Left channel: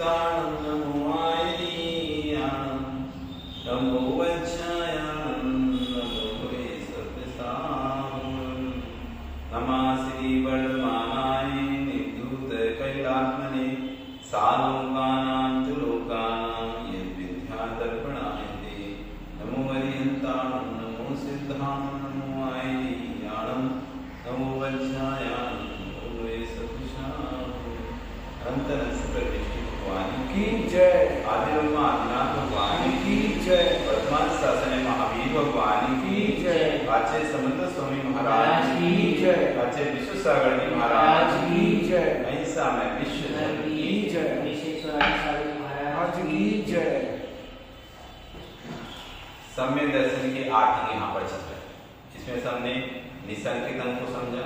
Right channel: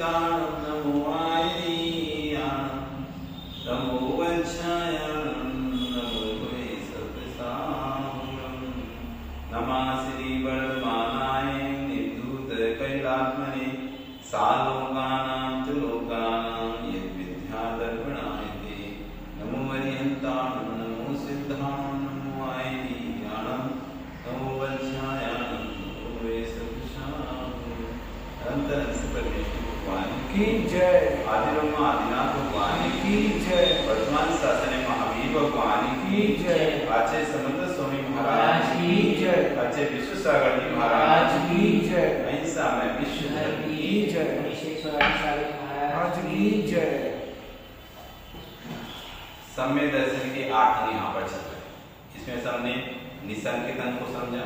सिद्धाणं नमो आयनीयाणं नमो वंशायाणं नमो वै सत्यसाहुणं नमः श्री वर्धमानाय निधूत कैलात्मने सालोकानां च लोकानां यद्विद्यादर्पणाय ते नमो वरिहन्ताणं नमो सिद्धाणं नमो आयनीयाणं नमो वंशायाणं नमो वै सत्यसाहुणं अनंत शुक्र विष्णु भगवान की जय। आदि ब्रह्मा आदिनाथ भगवान की जय। वर्तमान शासन महावीर भगवान की जय। आचार्य समंदर स्वामी महाराज की जय। आचार्य विश्व सागर जी महाराज की जय। अहिंसा में विश्व धर्म की जय। महाराज की जय। सम्यक दर्शन के 8 अंग यहाँ पर चल रहे हैं। इसमें सबने निसंकित अंग को समझा,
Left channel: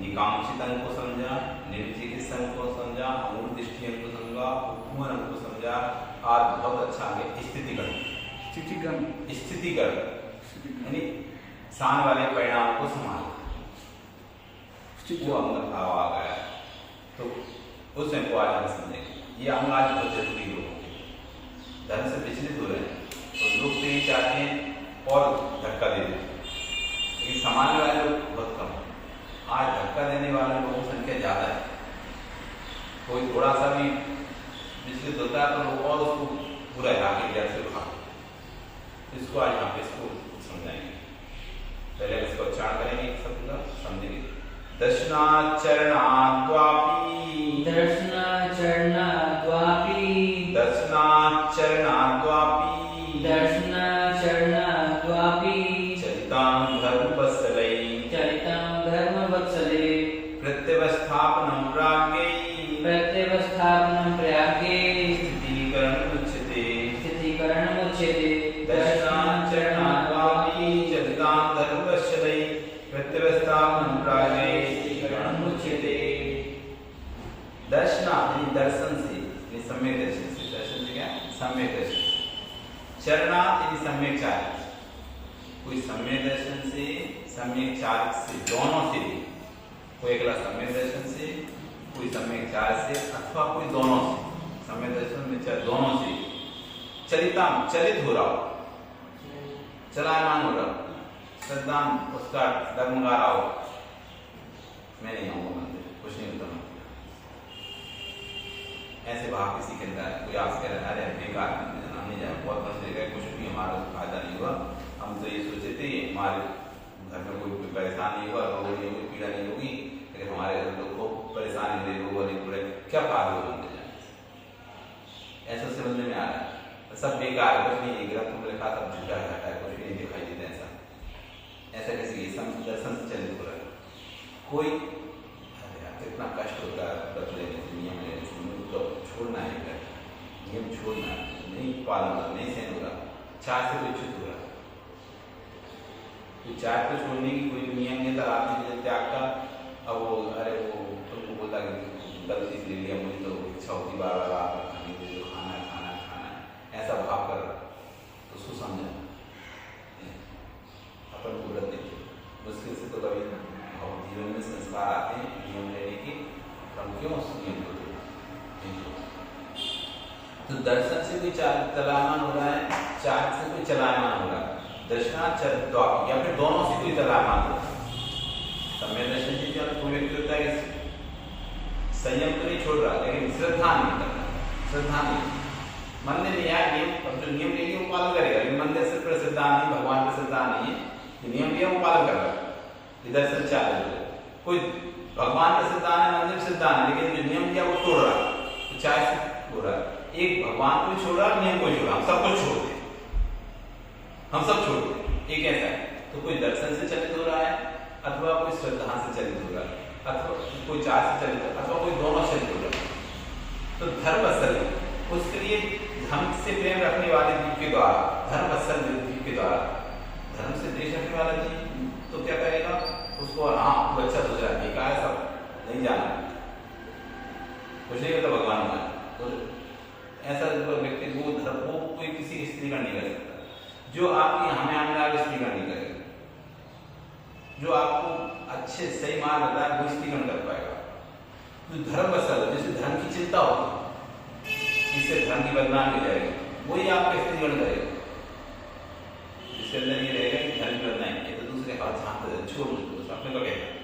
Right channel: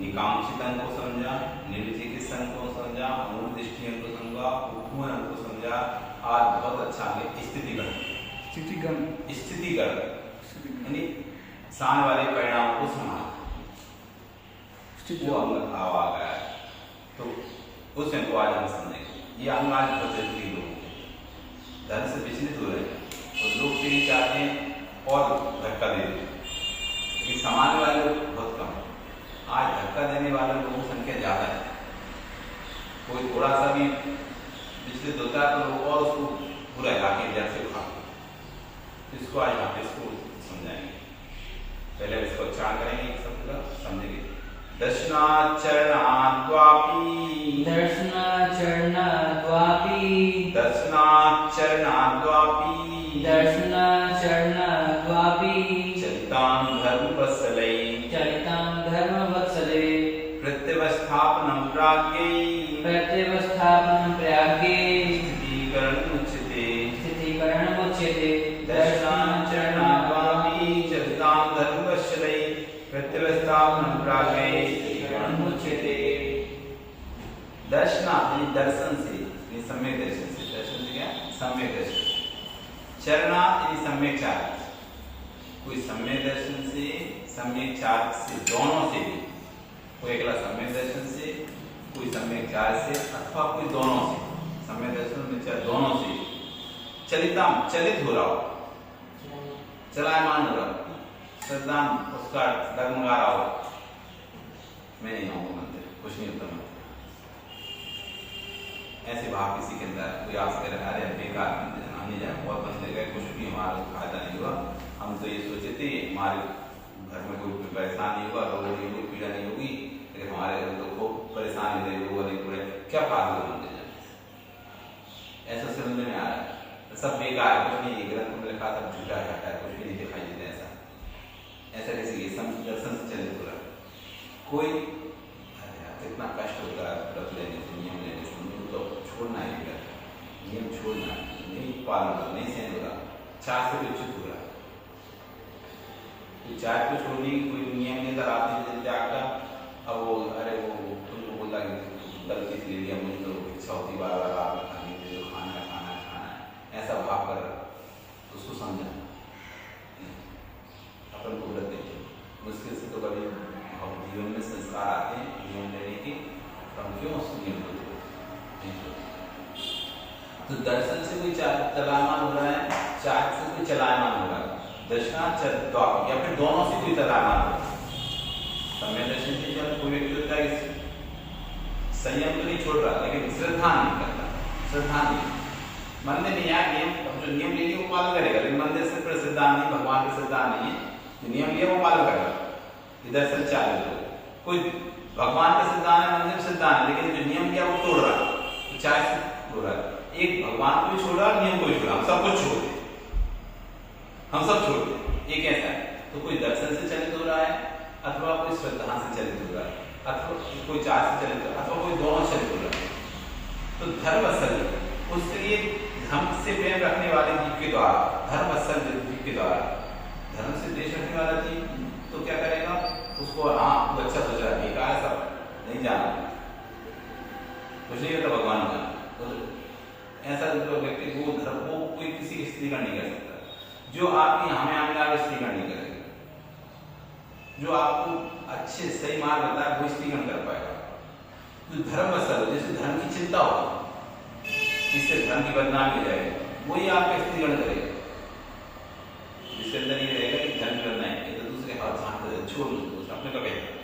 निकांक्षित अंग को समझा, निर्विचिकित्सक अंग को समझा, मूल दृष्टि अंग को समझा, उपमान अंग को समझा। आज बहुत अच्छा अंग है स्थितिगण। स्थितिगण यानी सामने वाले परिणामों को संभाल वो अंग आ गया है, तो उसमें को आज हम समझेंगे। ये अंग आज बहुत जरूरी लोगों के धर्म से विचलित हो रहे हैं और लोग तो ये चाहते हैं और धक्का दे दें, लेकिन सामान्य वाले लोग बहुत कम। आज धक्का देने वाले लोगों की संख्या ज्यादा है। कोई थोड़ा सा भी विचलित होता है तो लोग और उसको पूरा जाके जड़ से उठा, इसको आज हम इसको समझाएंगे। पहले इसको उच्चारण करेंगे एक शब्द का, समझेंगे। दर्शनाचरणाद्वापि दर्शनाचरणाद्वापि दर्शनाचरणाद्वापि दर्शनाचरणाद्वापि चरितां धर्मवत्सलै प्रत्यवस्थापनं प्राज्ञै स्थितीकरणमुच्यते दर्शनाचरणाद्वापि चरितां धर्मवत्सलै प्रत्यवस्थापनं प्राज्ञै स्थितीकरणमुच्यते। दर्शन से सम्यक दर्शन से क्या सम्यक दर्शन, चरणात् यानी सम्यक चार्य, कोई सम्यक दर्शन से सम्यक चार्य से दोनों से भी, कोई अगला सम्यक दर्शन से, कोई सम्यक चार्य से, अथवा कोई दोनों से, सम्यक दर्शन में दोनों से चलित हो रहा हो, चलायमान हो रहा हो, श्रद्धा उसका डगमगा रहा हो, मैं नहीं आऊंगा मंदिर, कुछ नहीं होता मंदिर, ऐसे भाव किसी के अंदर कोई आपसे कह रहा है अरे बेकार मंदिर हम नहीं जाए, बहुत मंदिर गए, कुछ भी हमारा फायदा नहीं हुआ, हम तो ये सोचे थे हमारे घर में कोई परेशानी नहीं होगा, रोग नहीं होगी, पीड़ा नहीं होगी, लेकिन हमारे लोग को परेशानी मिले, रोग नहीं पूरे, क्या फायदा होगा मंदिर जाने, ऐसा समझ में आ रहा है। सब बेकार है, कुछ नहीं, ग्रंथ में लिखा था झूठा घाटा है, कुछ भी नहीं दिखाई देता। ऐसा कैसे दर्शन से चलित हो रहा है। कोई कितना कष्ट होता है व्रत लेने से, नियम लेने से, तो छोड़ना है, नियम छोड़ना है, नहीं पालन करना, नहीं सहन हो रहा, चार से कोई चुप हो रहा है, तो चार को छोड़ने की कोई नियम नहीं था आपने त्याग का। अब वो अरे वो तुमको बोलता कि गलती से ले लिया, मुझे तो इच्छा होती बार बार आप खाने के लिए, खाना है खाना है खाना है, ऐसा भाव कर रहा, उसको समझा अपन को गलत नहीं। मुश्किल से तो कभी जीवन में संस्कार आते हैं नियम लेने के, हम क्यों उस नियम को तो दर्शन से कोई चलायमान हो रहा है, चार्ज से कोई चलायमान हो रहा है, दर्शनाचर्य या फिर दोनों से कोई चलायमान हो रहा है। सम्यक दर्शन से कोई व्यक्ति होता है संयम तो नहीं छोड़ रहा, लेकिन श्रद्धा नहीं करता, श्रद्धा नहीं, मंदिर नहीं आया नियम, अब जो नियम ले वो पालन करेगा, लेकिन मंदिर से श्रद्धा नहीं, भगवान की श्रद्धा नहीं है, जो नियम लिया वो पालन कर रहा है। दर्शन चार्य कोई भगवान का श्रद्धा है, मंदिर श्रद्धा है, लेकिन जो नियम लिया वो तोड़ रहा है, तो चाहे हो रहा है, एक भगवान को भी छोड़ रहा है, नियम को भी छोड़ रहा है, हम सब कुछ छोड़ दे, हम सब छोड़ दे, एक ऐसा है। तो कोई दर्शन से चलित हो रहा है, अथवा कोई श्रद्धा से चलित हो रहा है, अथवा कोई चार्य से चलित हो रहा है, अथवा कोई दोनों चलित हो रहा है। तो धर्म असल उसके लिए धर्म से प्रेम रखने वाले जीव के द्वारा, धर्म असल जीव के द्वारा, धर्म से देश रखने वाला जीव तो क्या करेगा, उसको हाँ बच्चा सोच रहा है बेकार सब नहीं जाना, कुछ नहीं होता भगवान का, तो ऐसा व्यक्ति वो धर्म वो कोई किसी की स्त्रीकरण नहीं कर सकता। जो आपकी हमें आने वाले स्त्रीकरण नहीं करेगा, जो आपको अच्छे सही मार्ग बताए वो स्त्रीकरण कर पाएगा। तो धर्म असल जैसे धर्म की चिंता होती है, इससे धर्म की बदनामी हो जाएगी, वही आपको स्थितिगण करेगा। जिसके अंदर ये रहेगा कि धर्म की बदनामी, ये तो दूसरे हाथ हाथ छोड़ दो, अपने को कहते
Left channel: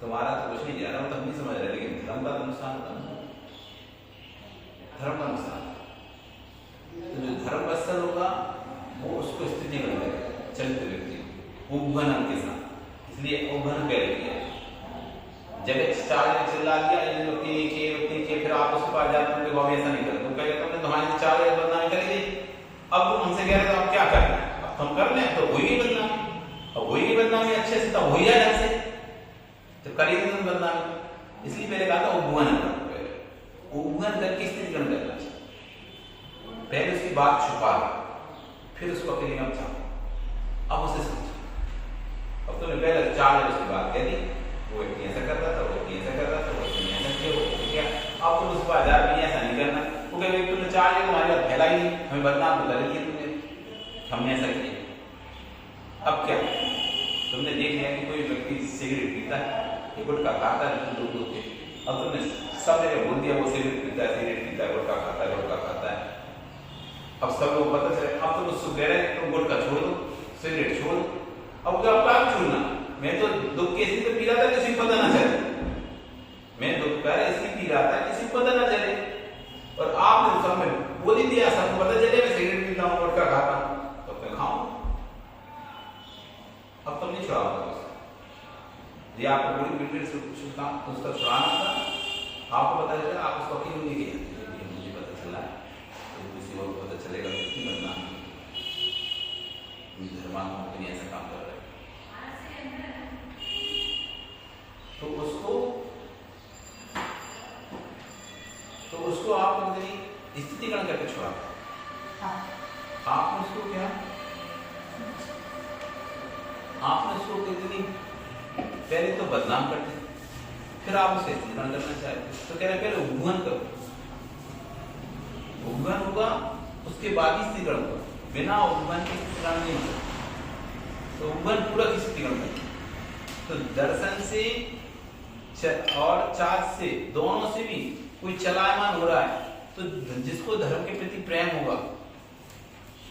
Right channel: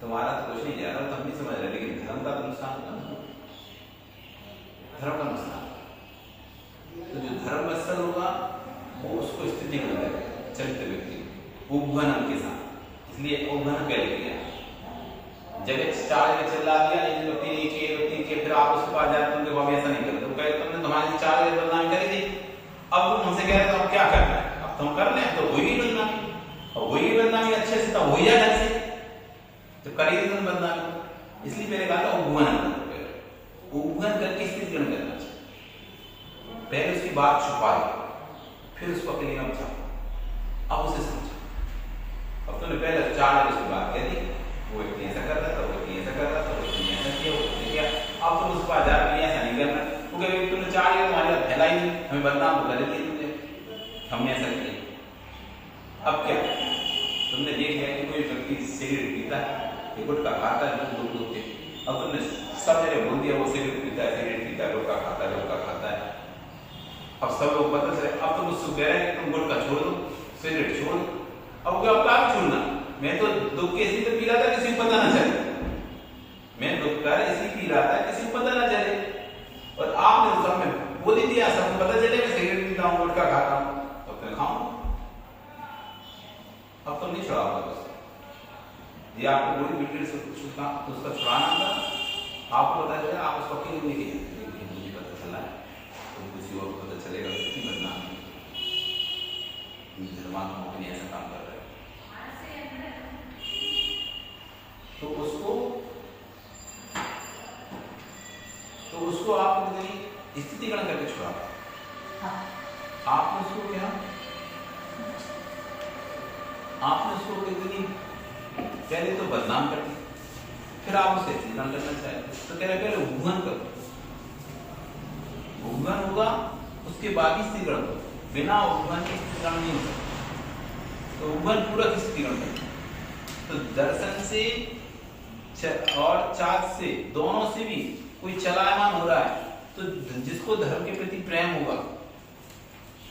तुम्हारा तो कुछ नहीं जा रहा, वो तो हम नहीं समझ रहे, लेकिन धर्म का तो नुकसान होगा, धर्म का नुकसान। तो जो धर्म वत्सल होगा वो उसको स्थिति बन जाएगा, चरित्र व्यक्ति उपघनन के साथ, इसलिए उपघन कह दिया। जगह चाल में चिल्ला दिया, लेकिन व्यक्ति के फिर आप उसके पास जाते हैं, बाबा ऐसा नहीं करते, तो कहे तुमने तुम्हारी चाल बदनामी करी थी, अब तुम हमसे कह रहे हो अब क्या करना है, अब तुम कर लें तो वही बदनामी, और वही बदनामी अच्छे से तो वही ढंग से तो करेगी तुम बदनामी। इसलिए पहले कहा था उपघन, उपघन करके स्थिति ग्रहण करना, पहले उसकी बात छुपा लो, फिर उसको अपने में चाहो, अब उसे समझो। अब तुमने पहले 4 लोगों से बात कह दी, वो व्यक्ति ऐसा कर रहा था, वो व्यक्ति ऐसा कर रहा था, वो व्यक्ति ऐसा किया, वो व्यक्ति क्या, अब तुम उसके बाद जा रही ऐसा नहीं करना, वो कहे तुमने 4 लोग हमारे बात फैलाई नहीं, हमें बदनाम बता दिया तुमने, हमने ऐसा किया। अब क्या तुमने देख लिया कि कोई व्यक्ति सिगरेट पीता है, ये गुटखा खाता है, लोग के, अब तुमने सब जगह बोल दिया वो सिगरेट पीता है, सिगरेट पीता है, गुटखा खाता है, गुटखा खाता है। अब सब लोग पता चले, अब तुम उसको कह रहे हैं तुम गुटखा छोड़ दो, सिगरेट छोड़ दो, अब क्या आप छोड़ना, मैं तो दुख के इसी से पी रहा था, किसी को पता ना चले, मैं दुख कर इसी पी रहा था, किसी को पता ना चले, और आपने सब में बोल ही दिया, सबको पता चले मैं सिगरेट पीता हूँ, गुटखा खाता हूँ, तो मैं खाऊं, अब तुम नहीं छुड़ाओगे। ये आपको पूरी वीडियो से उसका छुड़ाना था, आपको पता चला, आप उसको अकेले नहीं किया, मुझे पता चला तो किसी और को पता चलेगा तो कितनी बदनामी, धर्मात्माओं के लिए ऐसा काम कर रहे हैं, तो उसको आप स्थितिगण करके छुड़ा, आपने उसको क्या, आपने उसको पहले तो बदनाम कर दी, फिर आप उसे स्थितिगण करना चाहते, तो कह रहे पहले उपघन करो, उपघन होगा उसके बाद ही स्थितिगण करो, बिना उपघन के स्थितिगण नहीं होता, तो उपघन पूरा स्थितिगण करें। तो दर्शन से और चार्ज से, दोनों से भी कोई चलायमान हो रहा है, तो जिसको धर्म के प्रति प्रेम होगा,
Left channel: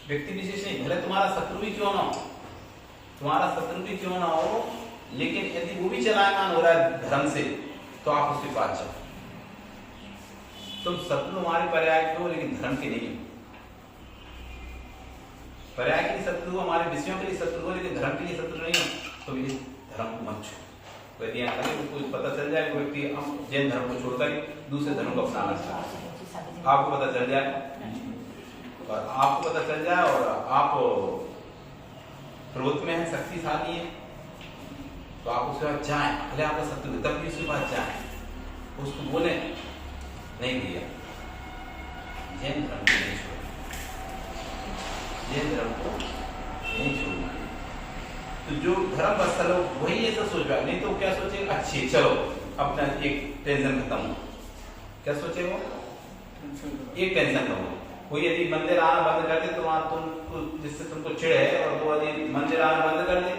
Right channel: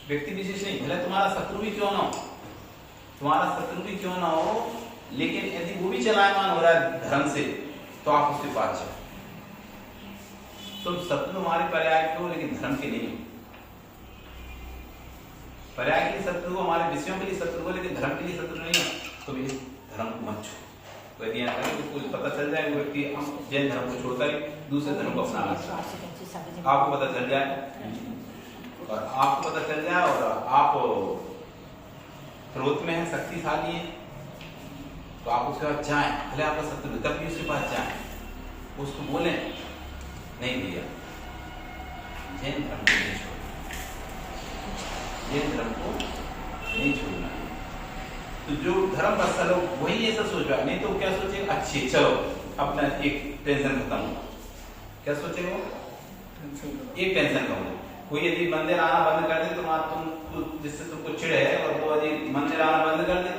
व्यक्ति विशेष नहीं, भले तुम्हारा शत्रु भी क्यों ना हो, तुम्हारा शत्रु भी क्यों ना हो, लेकिन यदि वो भी चलायमान हो रहा है धर्म से, तो आप उसके पास जाओ। तुम शत्रु हमारे पर्याय के हो, लेकिन धर्म के नहीं हो, पर्याय के लिए शत्रु हो, हमारे विषयों के लिए शत्रु हो, लेकिन धर्म के लिए शत्रु नहीं हो, तो ये धर्म को मत छोड़ो। यदि उसको पता चल जाए वो व्यक्ति जैन धर्म को छोड़कर ही दूसरे धर्म को अपनाना चाहता है, आपको पता चल जाए, और आपको पता चल जाए और आप क्रोध में है, शक्तिशाली है, तो आप उसके पास जाएं, भले आपका शत्रु तब भी उसके पास जाएं, उसको बोले नहीं भैया जैन धर्म को नहीं छोड़ना, जैन धर्म को नहीं छोड़ना है। तो जो धर्म वत्सल हो वही ऐसा सोच रहा है, नहीं तो क्या सोचेगा, अच्छी चलो अपना एक टेंशन खत्म हो, क्या सोचे वो, एक टेंशन कम हो। कोई यदि मंदिर आना बंद कर दे तो तुमको, जिससे तुमको चिढ़ है, और वो यदि मंदिर आना बंद कर दे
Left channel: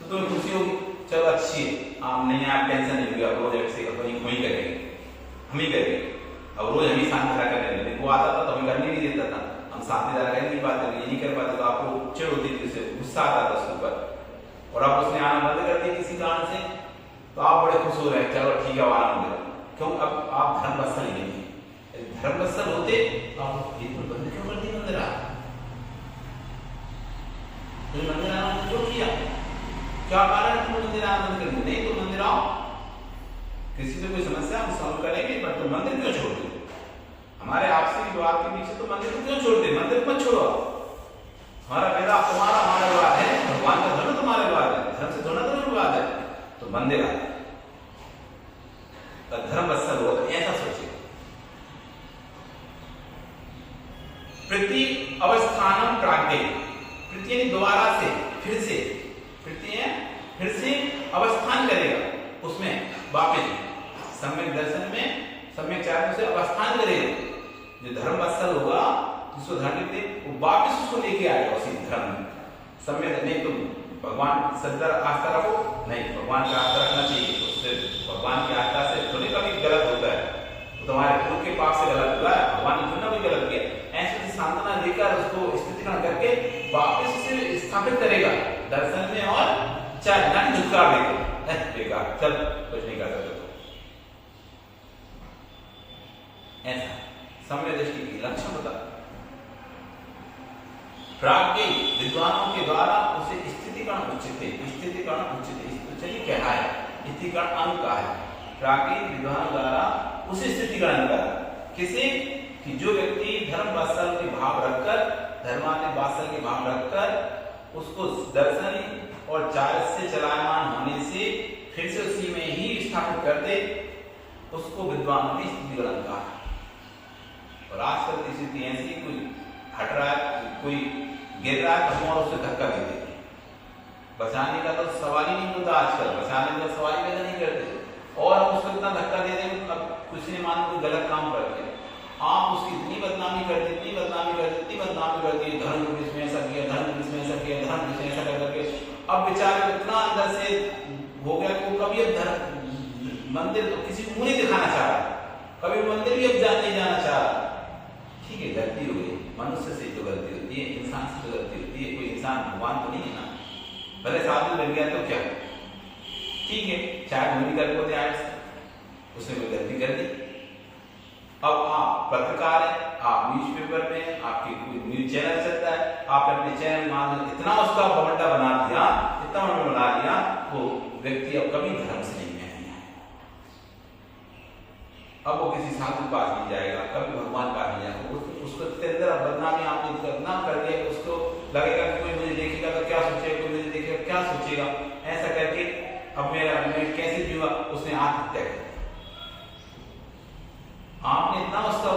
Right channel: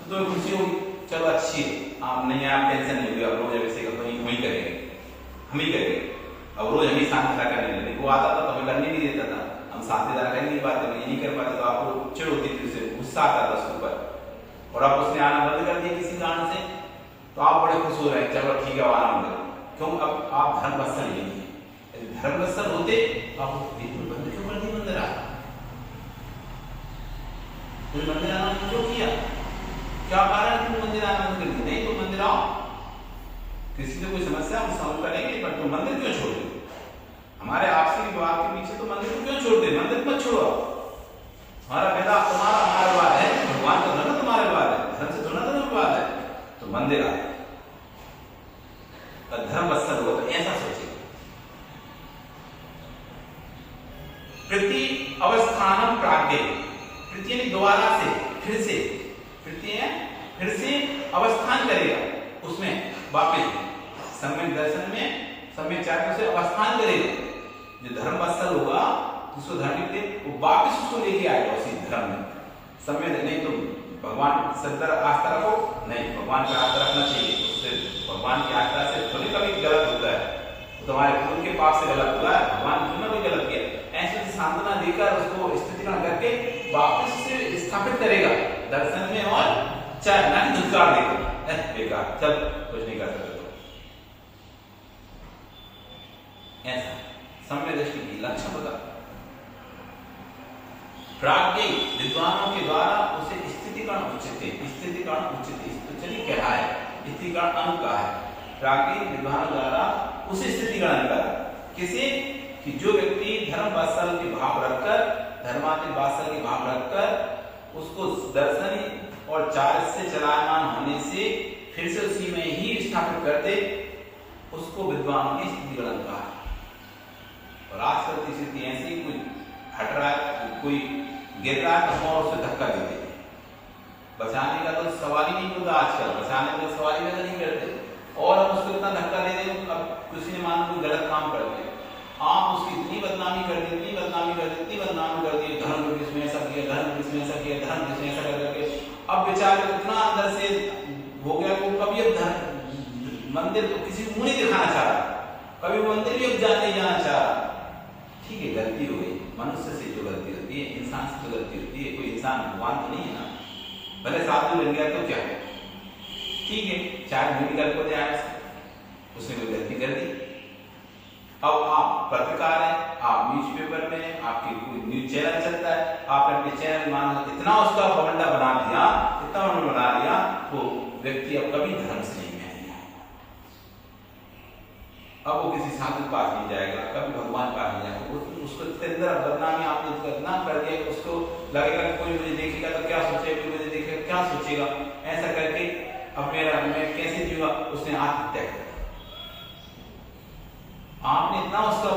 तो तुम्हें खुशी होगी, चलो अच्छी है, आप नहीं आप टेंशन नहीं होगी, अब रोज किसी का वही करेंगे, हम ही करेंगे, अब रोज हम ही शांति करने लगे, वो आता था तो हमें करने नहीं देता था, हम शांति कर नहीं पाते, ये नहीं कर पाते, तो आपको चिढ़ होती थी, उससे गुस्सा आता था उसके ऊपर, और अब उसने आना बंद कर दिया किसी कारण से, तो आप बड़े खुश हो रहे हैं, चलो ठीक है वो आना बंद कर, क्यों, अब आप धर्म वत्सल नहीं है, धर्म वत्सल होते आप बंद क्यों कर दिए, मंदिर आना, मंदिर आना क्यों किया, क्या कारण है तुम मंदिर आना बंद कर दिया, नहीं तो मंदिर आओ, किसी से कोई समस्या हम सॉल्व करेंगे, बट तुम मंदिर क्यों छोड़ दो, हमारे आपसी विवाद के पीछे तो मंदिर को क्यों छोड़ दे, मंदिर मत छोड़ो, हमारा पैदा तुम्हारा, हमारा विवाद है, भगवान का धर्म तुम्हारा विवाद है, धर्म से थोड़ा तुम्हें विवाद है, तो मंदिर आए, धर्म वत्सल हो, तो ऐसा सोचिए। प्रति अवस्थानम प्राग्ञ, प्रति यानी दोबारा से, फिर से, प्रति फिर से अवस्थान करेगा, उसमें वापिस सम्यक दर्शन में, सम्यक चार्य से अवस्थान करेगा, जो धर्म वत्सल होगा, जिसको धर्म कहते हैं, वो वापिस उसको लेके आएगा उसी धर्म में, सम्यक नहीं, तुम भगवान सत्तर आस्था रखो, नहीं भगवान का आस्था रखना चाहिए, उससे भगवान की आस्था से थोड़ी कभी गलत होता है, तुम्हारे पूर्व के पाप से गलत हुआ है, भगवान ने कोई गलत किया, ऐसे सांत्वना देकर उसको स्थितिकरण करके वापस से स्थापित करेगा दर्शन में, और चाहे ना कि धुतकार देगा, बेकार, चल कुछ नहीं कर सकते। तो ऐसा सम्यक दृष्टि की लक्षण बता, प्राज्ञ विद्वानों के द्वारा उसे स्थितिकरण उचित, स्थितिकरण उचित क्या है, स्थितिकरण अंग का है, प्राज्ञ विद्वानों द्वारा उसे स्थितिकरण कर, किसे, कि जो व्यक्ति धर्म वात्सल्य के भाव रखकर, धर्मात्मिक वात्सल्य के भाव रखकर उसको दर्शन और चारित्र से चलायमान होने से फिर से उसी में ही स्थापित कर दे, उसको विद्वान की स्थितिकरण कहा है। और आजकल की स्थिति ऐसी, कोई हट रहा है, कोई गिर रहा है तो और उसे धक्का दे देते, बचाने का तो सवाल ही नहीं होता, आजकल बचाने का सवाल ही नहीं करते, और अब उसको इतना धक्का दे दे, अब किसी ने मान कोई गलत काम कर दिया, आप उसकी इतनी बदनामी कर दी, इतनी बदनामी कर दी, इतनी बदनामी कर दी, धर्म के इसमें ऐसा किया, धर्म के इसमें ऐसा किया, धर्म के इसमें ऐसा करके अब बेचारे को इतना अंदर से हो गया कि कभी अब धर्म मंदिर तो किसी को मुंह नहीं दिखाना चाह रहा, कभी मंदिर भी अब नहीं जाना चाह रहा। ठीक है, गलती हो गई, मनुष्य से जो गलती होती है, इंसान से जो गलती होती है, कोई इंसान भगवान तो नहीं है ना, भले साधु बन गया तो क्या, ठीक है, चाहे वही कर को दे, उसने कोई गलती कर दी। अब आप पत्रकार हैं, आप न्यूज़पेपर में हैं, आपकी कोई न्यूज चैनल चलता है, आपने अपने चैनल मान इतना उसका बवंडा बना दिया, इतना बना दिया, वो व्यक्ति अब कभी धर्म से नहीं मिलेगा, अब वो किसी साधु के पास नहीं जाएगा, कभी भगवान पास नहीं जाएगा, उसको अंदर बदनामी आपने इतना कर दिया, उसको लगेगा कि कोई मुझे देखेगा तो क्या सोचेगा, कोई मुझे देखेगा क्या सोचेगा, ऐसा करके अब मैं कैसे जीवा, उसने आत्महत्या कर। आपने इतना उसका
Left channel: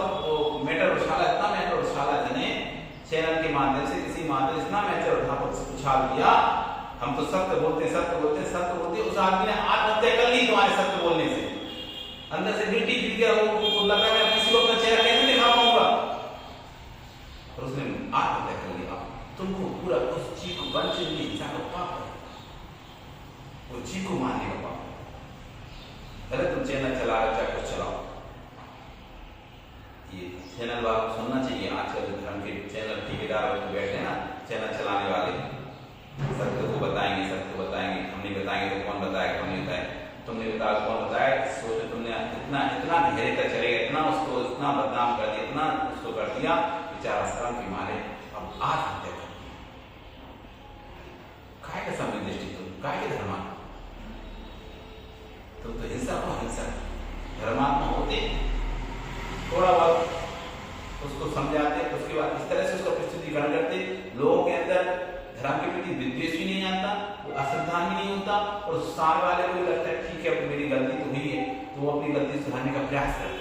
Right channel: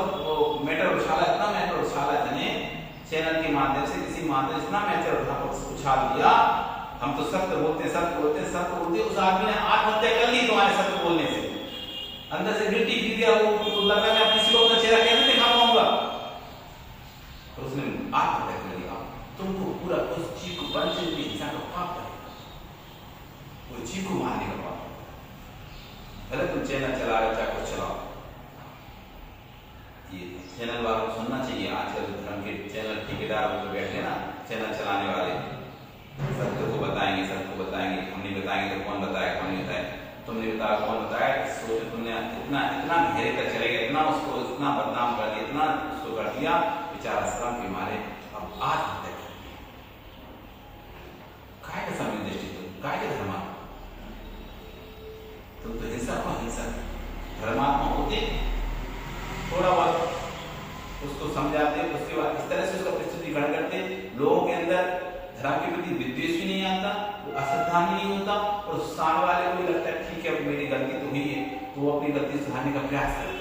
मैटर उछाला, इतना मैटर उछाला, इतने चैनल के माध्यम से, किसी माध्यम से इतना मैटर उछाल दिया, हम तो सत्य बोलते सत्य बोलते सत्य बोलते, उस आदमी ने आत्महत्या कर ली तुम्हारे सत्य बोलने से, अंदर से गिर गया, वो लगा मैं किसी को अपना चेहरा कैसे दिखा पाऊंगा, और उसने आत्महत्या कर लिया। तुमको पूरा उस चीज को बंद से इंसान का पाप है, वो चीज को मारने का पाप। भले तुम चैनल चला रहे हो, चाहे कुछ चलाओ, ये चैनल वालों को सुनना चाहिए। आजकल धर्म के चैनल ठेकेदार वाले बैठे हैं ना, चैनल चलाने वाले, सत्य को बताएंगे, सत्य को बताएंगे, हम नहीं बताएंगे तो कौन बताएगा, कौन नहीं बताएगा, तुमने बताया कौन बताया, सोचो तुमने इतना इतना गहरे तक चलेगा, इतना उसको इतना बदनाम कर दिया, इतना उसको कर दिया, बेचारा श्रम के मारे अब आत्महत्या कर दिया। काय का समय दृष्टि, तुम काय के धर्मा, तुम तो हिंसा हो, हिंसा धर्मात्मा होते, थोड़ा बहुत उसको समझाते, उसके बाद इस तरह से उसका प्रस्तुतिकरण करते, लोगों के अंदर धर्म के प्रति विद्वेष भी नहीं आता, अश्रद्धा भी नहीं होता, और सामने वाले को भी लगता है ठीक है मेरी गलती तो हुई है, तो वो अपनी गलती सुधारने का प्रयास करे।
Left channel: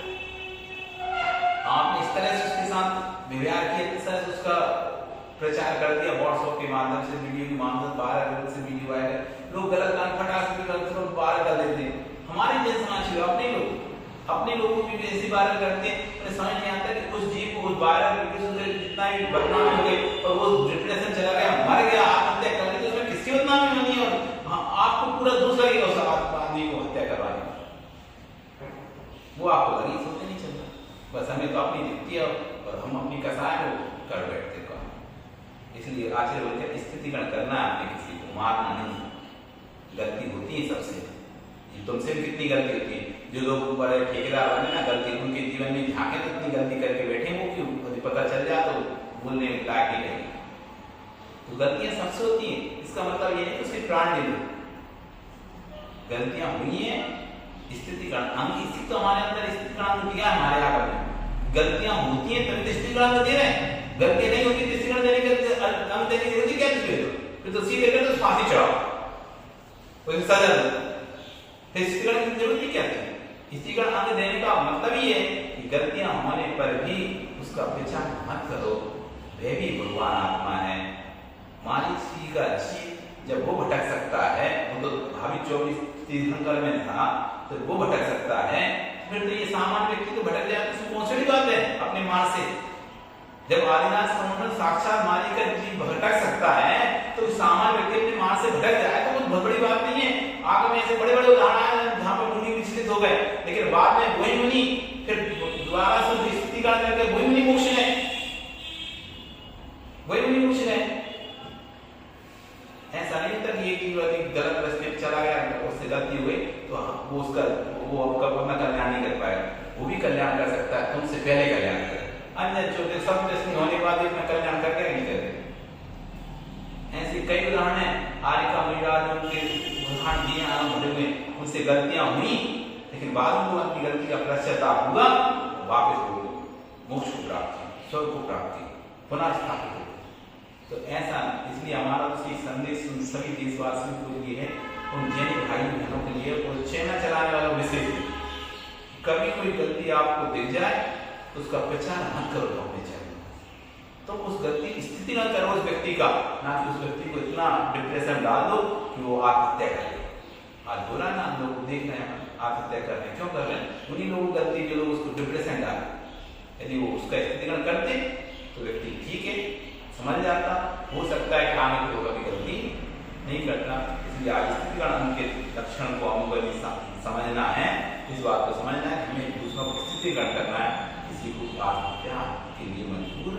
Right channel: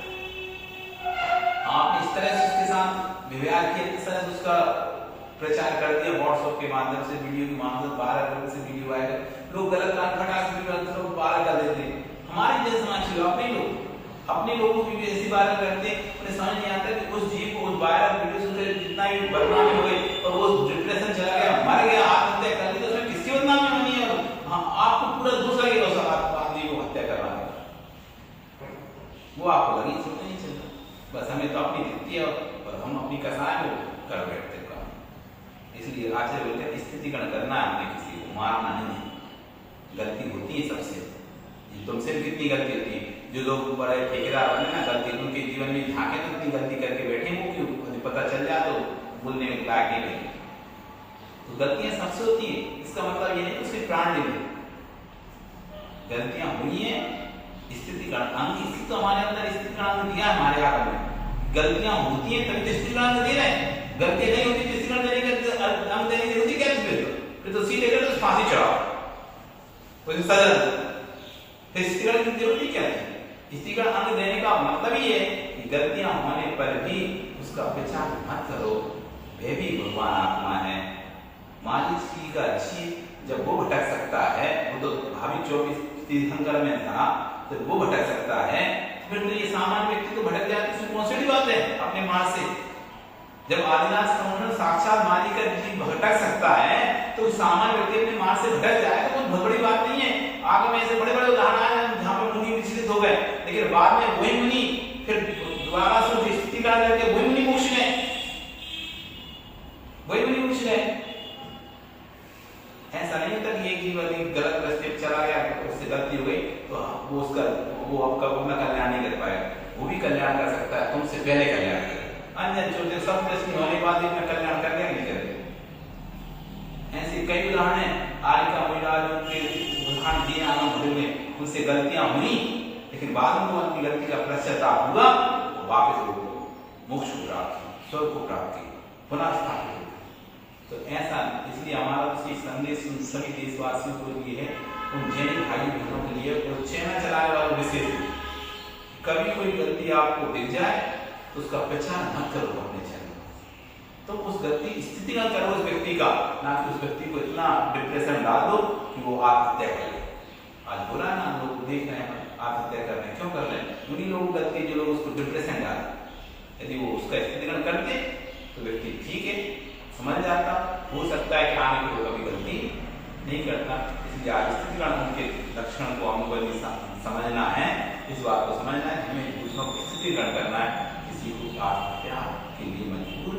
आपने इस तरह से उसके साथ व्यवहार किया, इस तरह से उसका प्रचार कर दिया, व्हाट्सएप के माध्यम से, वीडियो के माध्यम से, 12 करोड़ से वीडियो वायरल, लोग गलत काम फटाक से वायरल कर देते हैं। हमारे जैसे समाज के अपने लोगों की भी ऐसी वायरल करते हैं, उन्हें समझ नहीं आता कि उस जीव को उस वायरल वीडियो से जितना भी बदनामी हो गई और वो डिप्रेशन चला गया, मर गया, आत्महत्या कर ली, तो उसमें किसकी बदनामी बनी है? आपको पूरा दोष लगेगा उस आदमी को हत्या करवाने, वो आपको लगी सोचने नहीं चलता, बस हमें तो अपनी दिखती है और हम अपनी कसाय को कर बैठते काम। इसलिए आचार्य बोलते हैं स्थितिकरण करना है, हमने किसी को मारना नहीं, गलती होती है सबसे, तुमसे कितनी गलती होती है, जो लोग बड़े ठेकेदार बने ना, गलती उनके जीवन में झांके तो इतनी गलती करके बैठे, वो क्यों पता चल जाए तो बोलने लायक नहीं रहेंगे। तो गलतियां सबसे होती है, इसका मतलब ये नहीं कि उसके प्राण ले लो, गलतियां हुई है, स्थितिकरण अंग स्थिति तो हमारे अंदर स्थितिकरण दिया है हमारे आगम में, गलतियां होती हैं तभी स्थितिकरण दे रहे हैं, गलतियां नहीं होती स्थितिकरण देने का अंग देने की जरूरत क्या है? फिर तो सीधे कर तो फांसी चढ़ाओ, कोई सजा दो, फिर स्थितिकरण की जरूरत क्या है? स्थितिकरण अंग देने का मतलब ही है कि गलतियां होने पर भी उसका विचार मत करो, वह भी भगवान आत्मा है। मालिक जी का जीव जब वो भटक सकता है, वो तो भावी 24 तीर्थंकर में था, तो वो भटक सकता है, फिर तो ये सामान्य व्यक्ति तो भटक जाए, तो कौन सी बात है अपने मार्ग से? जब आदिनाथ संवर्धन साक्षात मालिक का जीव भटक सकता है, तो सामान्य व्यक्ति अपने मार्ग से भटक जाए तो बहुत बड़ी बात नहीं है। आगे में ऐसे बड़े बड़े उदाहरण आए जहाँ पर मुनि विचलित हो गए, लेकिन बाद में वही मुनि फिर स्थितिकरण करके वही मुनिमुक्ष है, वही मुनिमुक्ष है। ऐसा नहीं होता कि एक जीव यदि गलत रास्ते पे चला गया, उससे गलती हो गई तो वो उसका वो आपका अपना कल्याण नहीं कर पाएगा, वो भी कल्याण कर सकता है, तुमसे पहले कल्याण करेगा। अन्य छोटे सब दृष्टि होने के बाद भी अपना कल्याण कर क्या नहीं करते। ऐसे कई उदाहरण है, आर्य का मुनिराज उनके उदाहरण दिए आरंभ में, उनसे गलतियां हुई लेकिन बाद में अपनी गलती का पश्चाताप हुआ, वापस हो मोक्ष को प्राप्त की, स्वर्ग को प्राप्त की, पुनः स्थापित हो। तो ऐसा इसलिए हमारा तो संदेश सभी देशवासियों को लिए है, उन जैन भाई बहनों के लिए, और चैनल चलाने वालों विशेष, कभी कोई गलती आपको दिख जाए तो उसका प्रचार मत करो अपने चैनल, तो उस गलती स्थिति न करो उस व्यक्ति का, ना कि उस व्यक्ति को इतना डिप्रेशन डाल दो कि वो आत्महत्या कर ले। आज बुरा ना लोग देख रहे हैं आत्महत्या कर रहे हैं, क्यों कर रहे हैं? उन्हीं लोगों की गलती जो लोग उसको डिप्रेशन डाले। यदि वो उसका स्थितिकरण करते तो व्यक्ति ठीक है, समझ जाता, हो सकता है कि आगे को कभी गलती नहीं करता। इसलिए आज स्थितिकरण उनके लक्षण को हमको समझना है, इस बात को समझना है, हमें दूसरों को स्थितिकरण करना है, किसी को आत्महत्या के लिए मजबूर